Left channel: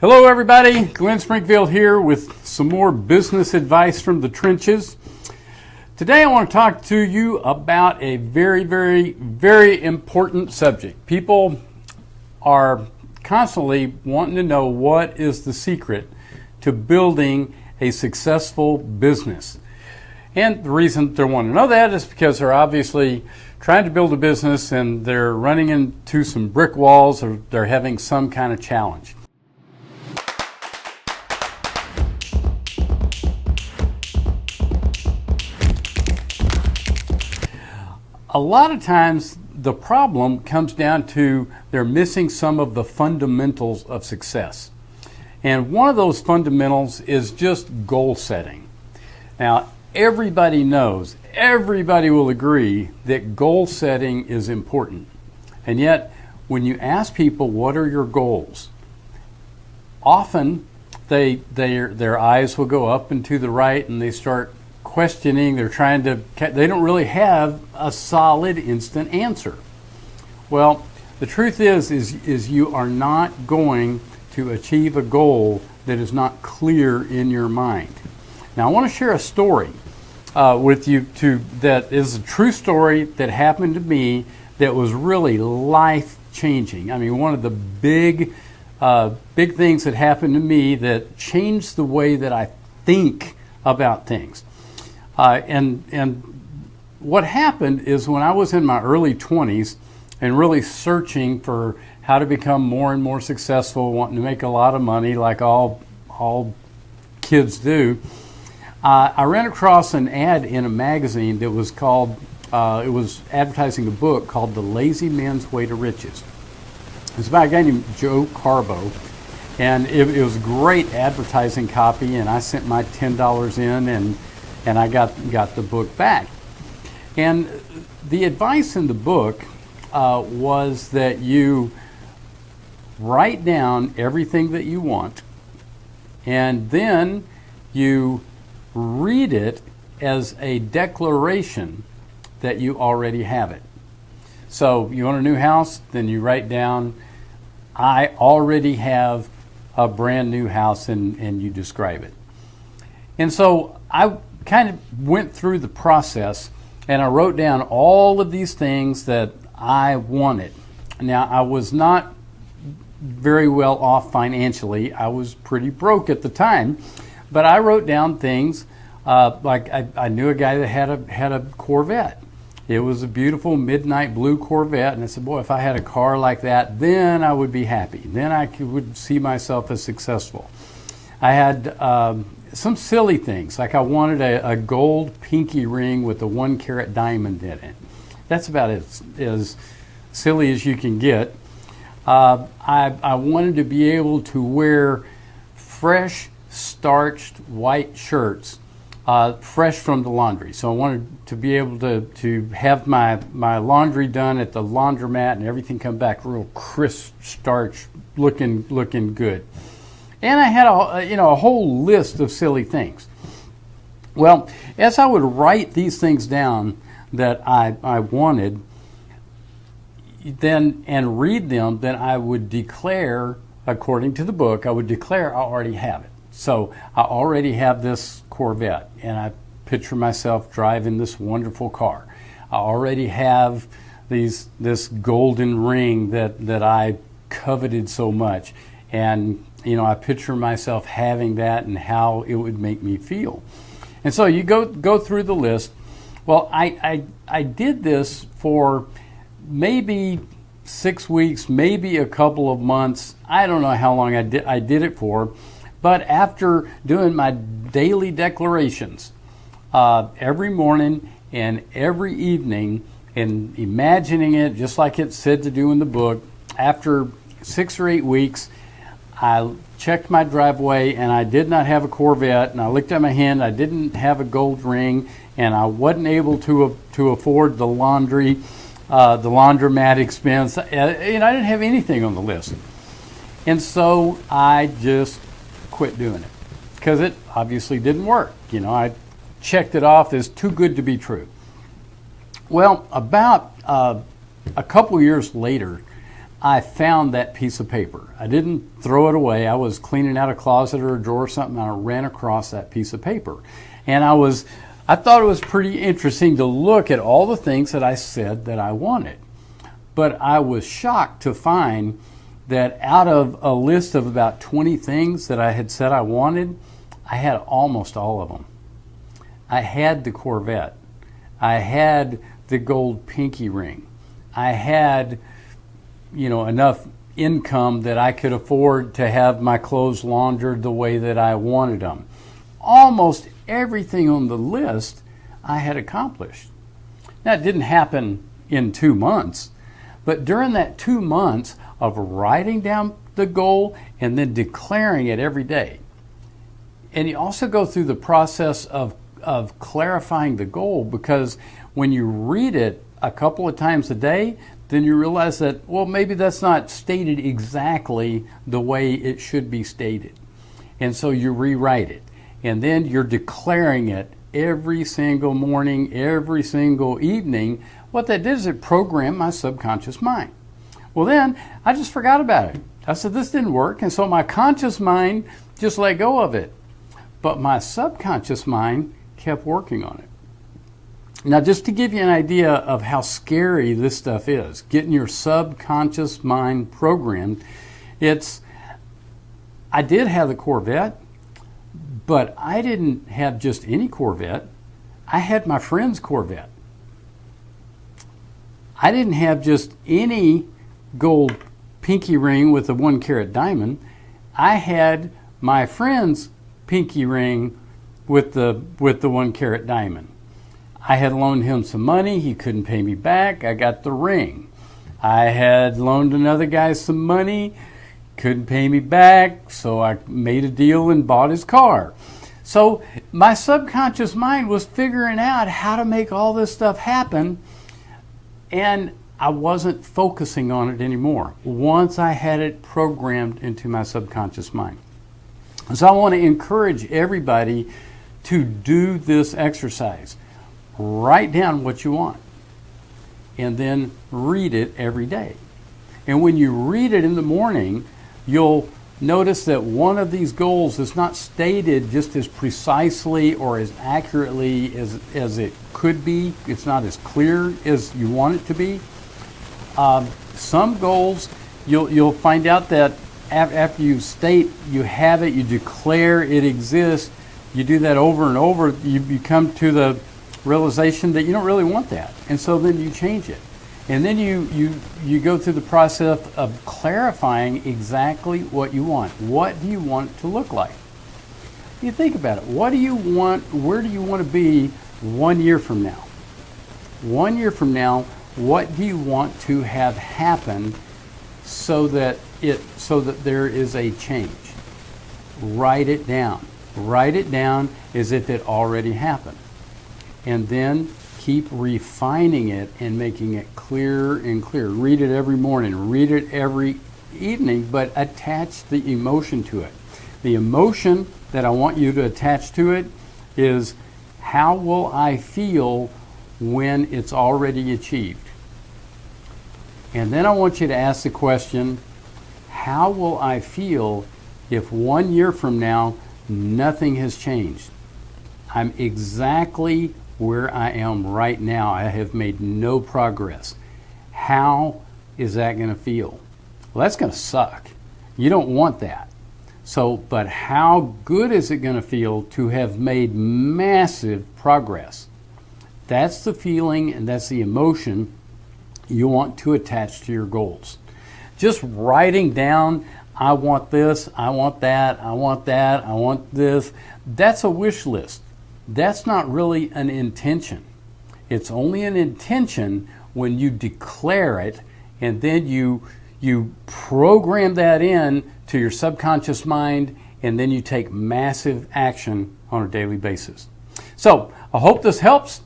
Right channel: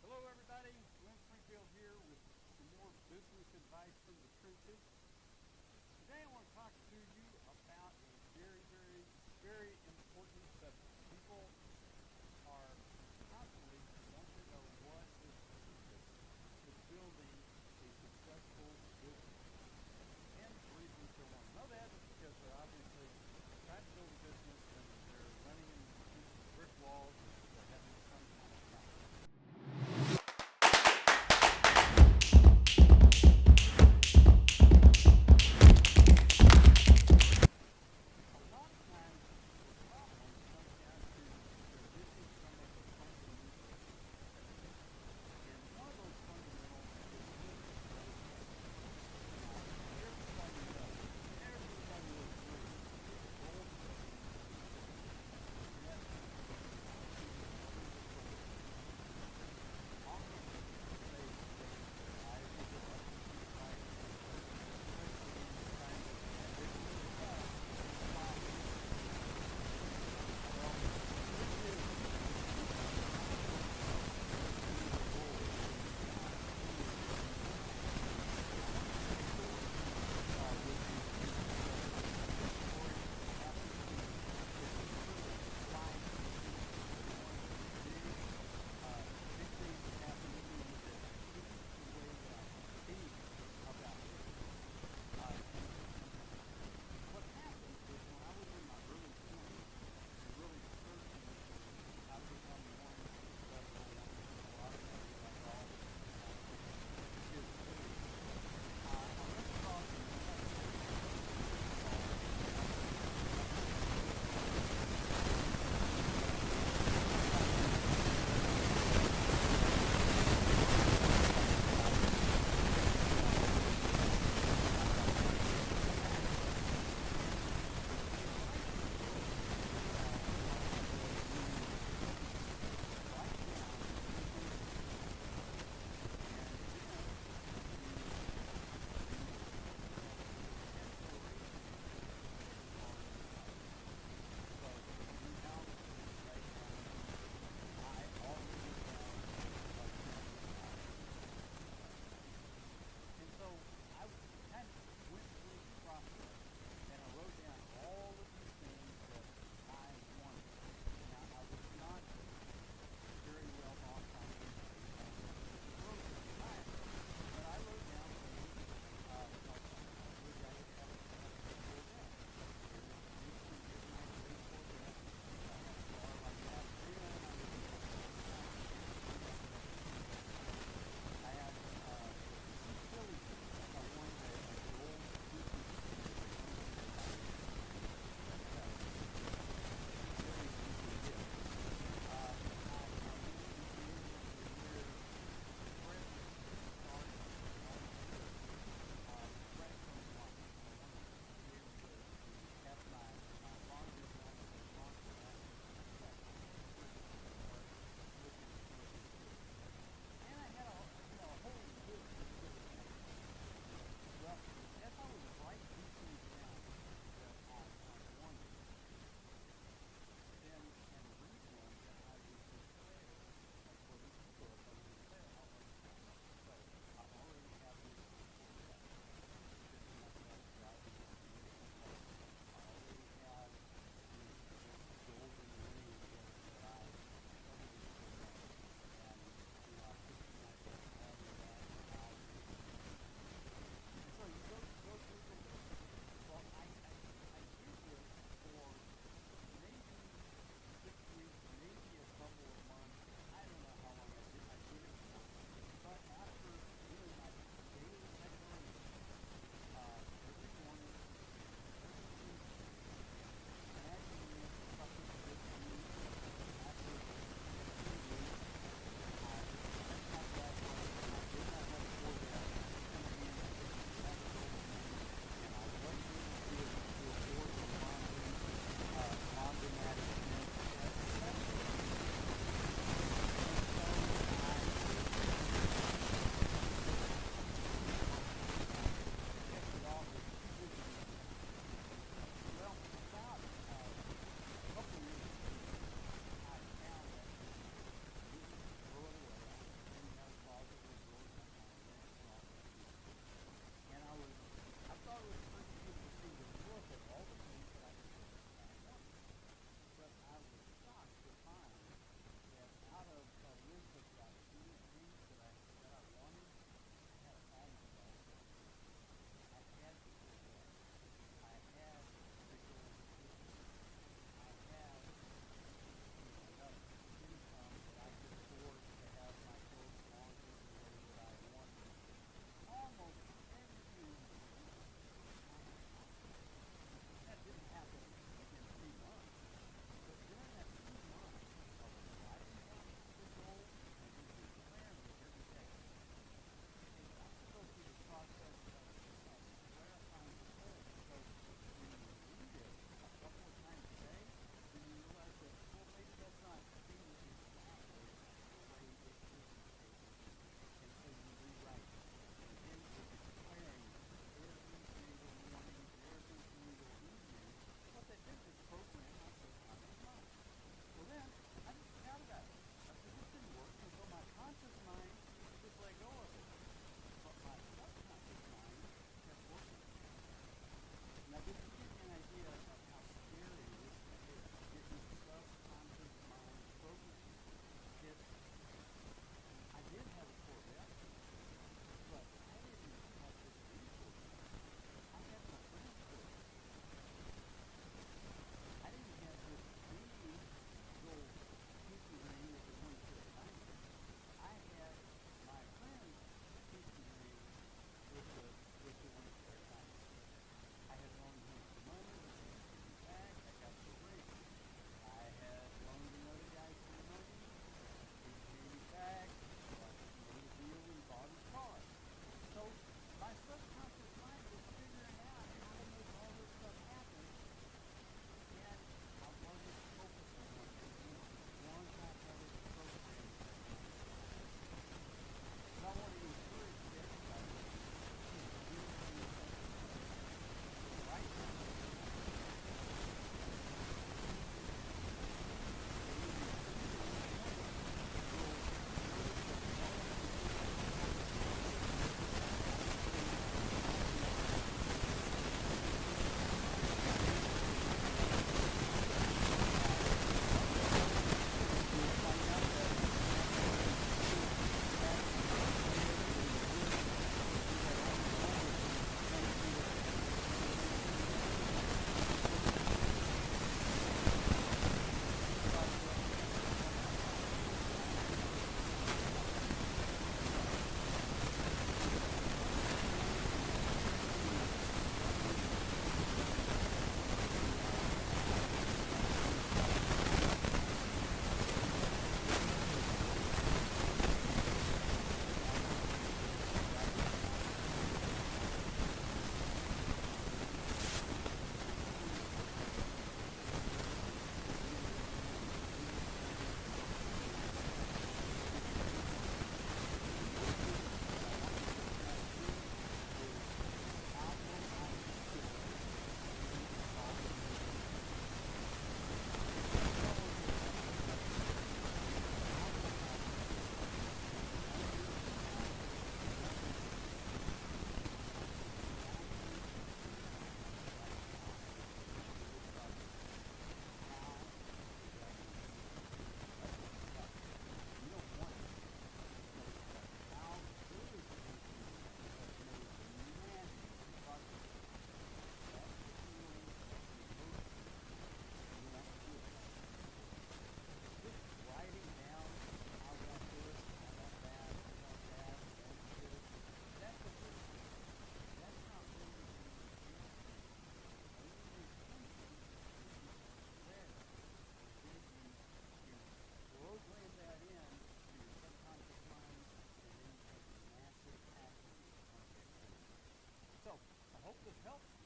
Hello everybody, Glenn Springfield here with some more business advice from the trenches. Today I want to talk to you about a very important subject. People are constantly wanting to know what is the secret to building a successful business. And the reason they want to know that is because they're obviously trying to build a business and they're running into some brick walls or they're having some kind of challenge. A lot of times the problem comes down to they're missing some of the fundamentals of success. And one of those fundamentals is just goal setting. Now, everybody knows, everybody will agree that goal setting is important. And yet, when you ask people what are your goals, often their eyes will go up and to the right and they start questioning, they don't really have a solid instant answer. Well, the truth is you are not going to achieve a goal that is not clear in your mind. Now I want to share a story with you that is a true story that happened to me that was really life-changing. I mean, one of the big things that happened to me that changed the way that I think about things. And what happened is when I was in my early 20s and really searching for how to become more and more successful, wanting to make a lot of money like all kids do, I ran across an ad in a magazine that was called, it was advertising a book called The Lazy Man's Way to Riches. It's about a guy named Joe Carbo. And it was great advertising copy, and I sent my $10 in and I got the book back. And the advice in the book was that you write down everything that you want, and then you read it as a declaration that you already have it. So you want a new house, then you write down, I already have a brand new house, and you describe it. And so I kind of went through the process and I wrote down all of these things that I wanted. Now, I was not very well off financially. I was pretty broke at the time, but I wrote down things like I knew a guy that had a Corvette. It was a beautiful midnight blue Corvette, and I said, boy, if I had a car like that, then I would be happy. Then I would see myself as successful. I had some silly things, like I wanted a gold pinky ring with a 1-carat diamond in it. That's about as silly as you can get. I wanted to be able to wear fresh, starched white shirts, fresh from the laundry. So I wanted to be able to have my laundry done at the laundromat and everything come back real crisp, starch, looking good. And I had a whole list of silly things. Well, as I would write these things down that I wanted, then and read them, then I would declare, according to the book, I would declare I already have it. So I already have this Corvette, and I picture myself driving this wonderful car. I already have this golden ring that I coveted so much, and I picture myself having that and how it would make me feel. And so you go through the list. Well, I did this for maybe 6 weeks, maybe a couple of months. I don't know how long I did it for. But after doing my daily declarations every morning and every evening and imagining it just like it said to do in the book, after 6 or 8 weeks, I checked my driveway and I did not have a Corvette, and I looked at my hand, I didn't have a gold ring, and I wasn't able to afford the laundry, the laundromat expense. I didn't have anything on the list. And so I just quit doing it because it obviously didn't work. I checked it off as too good to be true. Well, about a couple years later, I found that piece of paper. I didn't throw it away. I was cleaning out a closet or a drawer or something, and I ran across that piece of paper. And I thought it was pretty interesting to look at all the things that I said that I wanted. But I was shocked to find that out of a list of about 20 things that I had said I wanted, I had almost all of them. I had the Corvette. I had the gold pinky ring. I had, enough income that I could afford to have my clothes laundered the way that I wanted them. Almost everything on the list I had accomplished. Now, it didn't happen in 2 months, but during that 2 months of writing down the goal and then declaring it every day, and you also go through the process of clarifying the goal, because when you read it a couple of times a day, then you realize that, well, maybe that's not stated exactly the way it should be stated. And so you rewrite it. And then you're declaring it every single morning, every single evening. What that did is it programmed my subconscious mind. Well, then I just forgot about it. I said, this didn't work. And so my conscious mind just let go of it. But my subconscious mind kept working on it. Now, just to give you an idea of how scary this stuff is, getting your subconscious mind programmed, I did have the Corvette, but I didn't have just any Corvette. I had my friend's Corvette. I didn't have just any gold pinky ring with a 1-carat diamond. I had my friend's pinky ring with the 1-carat diamond. I had loaned him some money. He couldn't pay me back. I got the ring. I had loaned another guy some money. Couldn't pay me back. So I made a deal and bought his car. So my subconscious mind was figuring out how to make all this stuff happen. And I wasn't focusing on it anymore once I had it programmed into my subconscious mind. So I want to encourage everybody to do this exercise. Write down what you want and then read it every day. And when you read it in the morning, you'll notice that one of these goals is not stated just as precisely or as accurately as it could be. It's not as clear as you want it to be. Some goals, you'll find out that after you state you have it, you declare it exists, you do that over and over, you come to the realization that you don't really want that. And so then you change it. And then you go through the process of clarifying exactly what you want. What do you want it to look like? You think about it. What do you want? Where do you want to be 1 year from now? 1 year from now, what do you want to have happen so that there is a change? Write it down. Write it down as if it already happened. And then keep refining it and making it clearer and clearer. Read it every morning, read it every evening, but attach the emotion to it. The emotion that I want you to attach to it is, how will I feel when it's already achieved? And then I want you to ask the question, how will I feel if 1 year from now nothing has changed? I'm exactly where I am right now. I have made no progress. How is that going to feel? Well, that's going to suck. You don't want that. But how good is it going to feel to have made massive progress? That's the feeling and that's the emotion you want to attach to your goals. Just writing down, I want this, I want that, I want that, I want this, that's a wish list. That's not really an intention. It's only an intention when you declare it and then you program that in to your subconscious mind, and then you take massive action on a daily basis. So I hope this helps,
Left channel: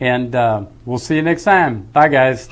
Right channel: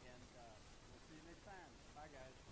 and we'll see you next time. Bye, guys.